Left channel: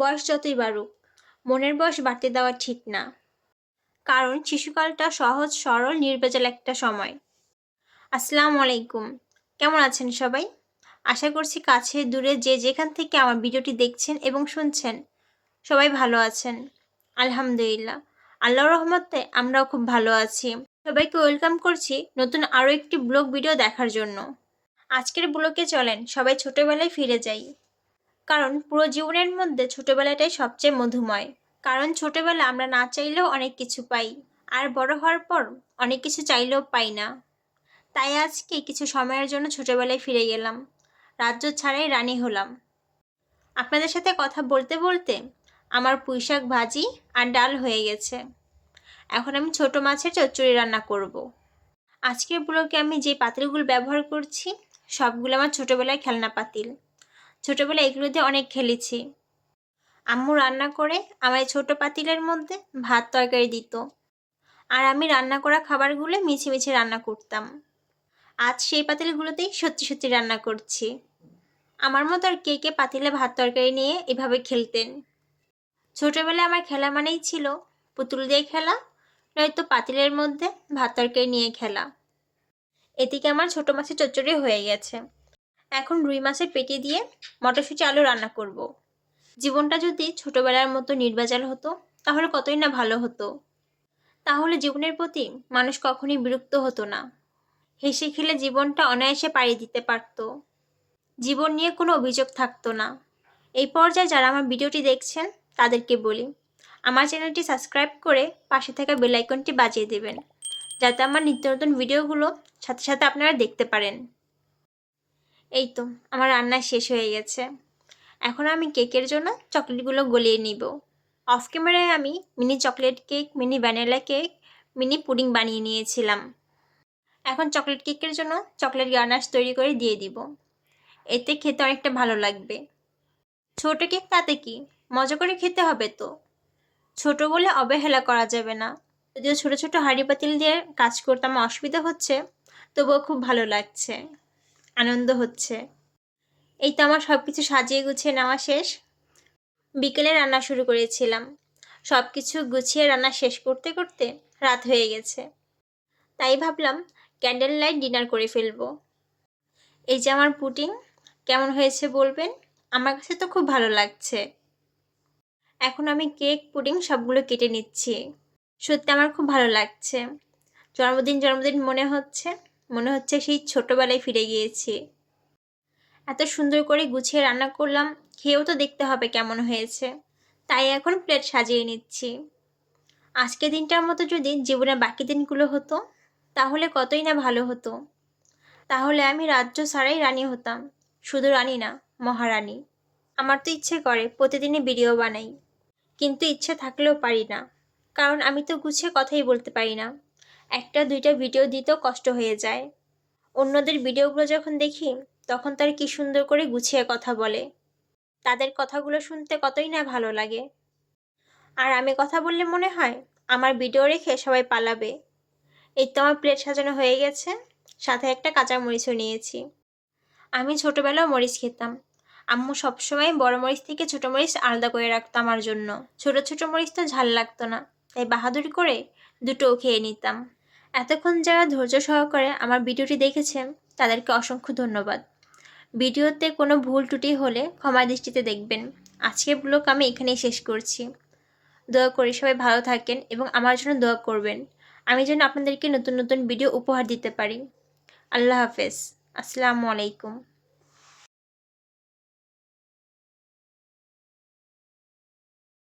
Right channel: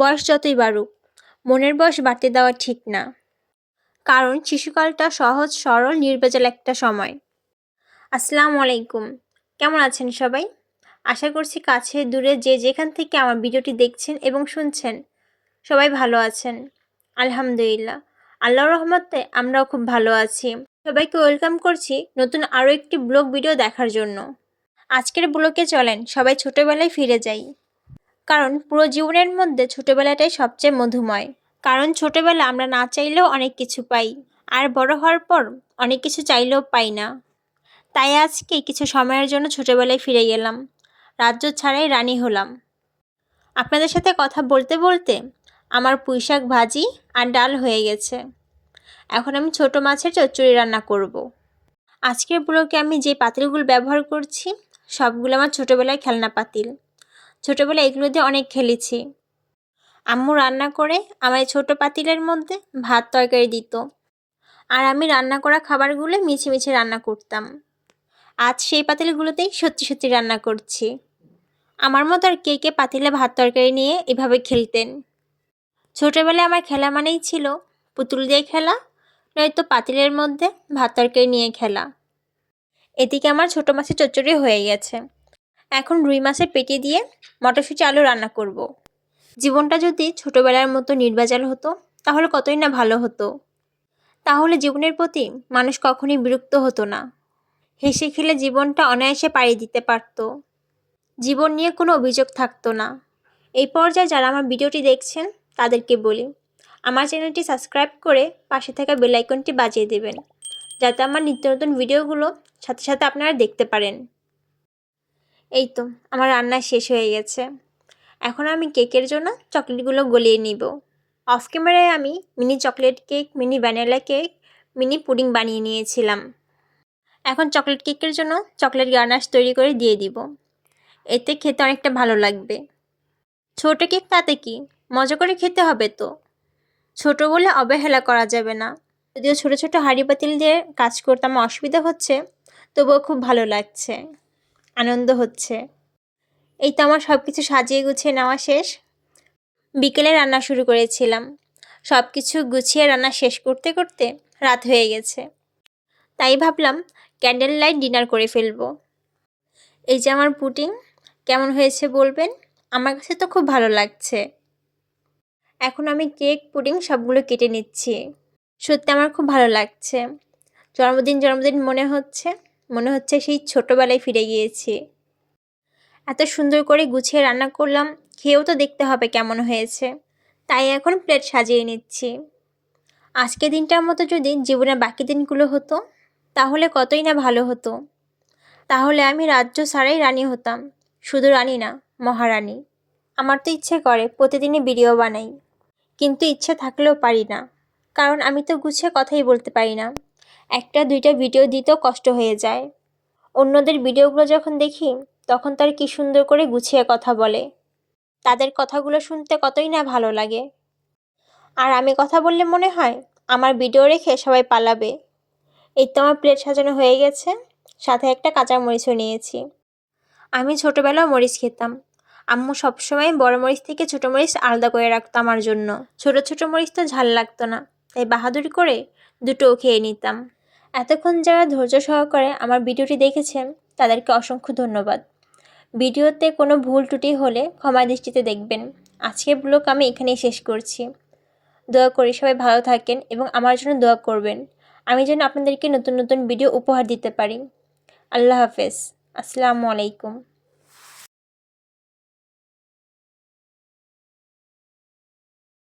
বয়স যতই বাড়ুক, মনের বয়স বাড়তে দেওয়া ঠিক না। কারণ শিশুকালটা সহজ, সরল, নির্ভেজাল একটা সময়। আসসালামু আলাইকুম। কেমন আছেন সবাই? আশা করছি কাছে দূরে যে যেখান থেকে আমার ভিডিওটি দেখছেন এবং শুনছেন সবাই ভালো আছেন। আলহামদুলিল্লাহ, আল্লাহর রহমতে আমরাও খুব ভালো আছি। সবাইকে ওয়েলকাম করছি নতুন আরও একটি ব্লগ ভিডিও দেখার জন্য। আজকের ব্লগে চলেন সবাই ছোটবেলায় ফিরে যাই। কারণ পুরো জীবনের মধ্যে ছোটবেলাটাই সবচেয়ে মধুময়। কারণ ছোটবেলা আমরা না চাইলেও অনেক কিছু পাই, আর বড় হওয়ার পর অনেক কিছু চাইলেও পাই না। তাই আজকে কিছু সময়ের জন্য ছোটবেলায় ফিরে গেলাম, রাজ্য ছাড়াই রানী হলাম। আপনাদের সাথে কথা বলতে বলতে আমার পুঁইশাক ভাজি আর ডাল হয়ে গেছে। এখন আমি ছোট মাছের চচ্চড়ি রান্না করব। আজকের ব্লগে আমি যে পাতিলগুলো ব্যবহার করছি সবগুলো আমার ছোটবেলায় খেলনা পাতিল। ছোটবেলায় এগুলো দিয়ে অনেক খেলেছি। আম্মু রান্না করে আমার এই ছোট পাতিলের মধ্যে ভাত তরকারি দিত, আর আমি রান্না করা খাবারগুলো মিছে মিছে রান্না করতাম। আজ সেই পাতিলগুলোতেই সত্যি সত্যি রান্না করছি। আমার মতো আর কে কে পাতিলে ভাত তরকারি নিয়ে এভাবে খেলতেন? ছোটবেলায় আমার খেলা মানেই ছিল পুতুল দিয়ে খেলা, নয়তো পাতিলের মধ্যে ভাত তরকারি নিয়ে খেলা। এদিকে আমার ছোট মাছের চচ্চড়ি হয়ে গেছে। এখন রুই মাছের পেটি দিয়ে মটরশুঁটি আলু রান্না করব। জীবনটা যদি ছোটবেলার মতো নির্ভেজাল হতো তাহলে কতই না ভালো হতো। তাহলে জীবনের প্রতি মানুষ কখনোই বিরক্ত হতো না। হেসে খেলে জীবনটা অনায়াসে পাড়ি দিতে পারত। জীবন নিয়ে কোনো অভিযোগ থাকতো না। এই পর্যায়ে যারা আমার ভিডিওটি দেখছেন তাদেরকে বলি, আমার চ্যানেলটি সাবস্ক্রাইব করে পাশে থাকা বেল আইকনটি বাজিয়ে দেবেন, যাতে আমার নিত্য নতুন ভিডিওগুলো সাথে সাথে আপনারা দেখতে পারেন। এই তো আমার রান্না শেষ হয়ে গেছে। এখন আমি কেকের জন্য চকলেটগুলো গলিয়ে নিব। অফ ক্যামেরায় আমি mini chocolate cake, mini vanilla cake, mini pudding বানিয়ে নিয়েছিলাম। এখন চকলেট কেকের জন্য চকলেট গানাশ তৈরি করে দিয়ে দিব। এতে খেতে অনেকটা ভালো লাগবে। ছোট কেক তাতে কি, মজা করে খেতে হবে তো। ছোট বলে অবহেলা করা যাবে না। যদিও ছোট ছোট হাঁড়ি পাতিল দিয়ে কাজ করতে আমার অসুবিধা হচ্ছে, তবুও খুব ভালো লাগছে, আনন্দ হচ্ছে। এই তো আমার সব কিছু সাজিয়ে গুছিয়ে নেওয়া শেষ। বিকেলে রান্না শুরু করেছিলাম। সব কিছু গুছিয়ে রান্না শেষ করতে করতে রাত হয়ে গেছে। তাই ভাবলাম ক্যান্ডেল লাইট ডিনার করে ফেলবো। এই যে আমার পুডিং, কেমন হয়েছে বলবেন? আমার কাছে তো খুব ভালো লাগছে। এখন আমি কেক, পুডিং সবগুলো কেটে নিচ্ছি। সত্যি আমার খুব ভালো লাগছে। জন্মদিন মনে হচ্ছে সেই ছোটবেলায় ফিরে গিয়েছি। এত সুন্দর করে গুছিয়ে রান্না করলাম, খেয়েও তো দেখতে হবে কেমন হয়েছে। তাই এখন প্লেট সাজিয়ে নিচ্ছি। আজকে দিনটার মতো যদি জীবনের বাকি দিনগুলো হতো তাহলে কতই না ভালো হতো। তাহলে আমি রাজ্য ছাড়াই রানী হতাম। শুধু রানী না, মহারানী। আমার তো ইচ্ছে করে প্রতিদিনই ভিডিও বানাই, কিন্তু ইচ্ছে থাকলেও পারি না। কারণ আমি তো গুছিয়ে কথাই বলতে পারি না। একটা দুইটা ভিডিও দিতেও কষ্ট হয়ে যায়। অন্যদের ভিডিওগুলো যখন দেখি তখন তার কি সুন্দর করে গুছিয়ে কথা বলে। তাদের কথাগুলো শুনতে কতই না ভালো লাগে। আর আমি কথা বললে মনে হয় আমার ভিডিও রেখে সবাই পালাবে। এই তো আমার প্লেট সাজানো হয়ে গেছে, সাথে একটা কাঁচা মরিচও নিয়েছি। আমি ছোটোবেলাও মরিচ খেতাম। আম্মু সবসময় বড় মরিচ থেকে ছোটো মরিচ আলাদা করে রাখতো আমার জন্য। ছোট ছোট মরিচ তো ঝাল লাগতো না, তাই বাহাদুরি করে দুটোও খেয়ে নিতাম। এতক্ষণ যারা ধৈর্য সহকারে আমার ভিডিওটি দেখেছেন তাদেরকে অসংখ্য ধন্যবাদ। ভিডিওতে কোনো ভুল ত্রুটি হলে ক্ষমা দৃষ্টিতে দেখবেন। আজকের ব্লগ আমি এখানেই শেষ করছি। দোয়া করি সবাই ভালো থাকেন এবং আমার জন্য দোয়া করবেন, আমি যেন আপনাদেরকে নতুন নতুন ভিডিও উপহার দিতে পারি। আল্লাহ হাফেজ। আসসালামু আলাইকুম।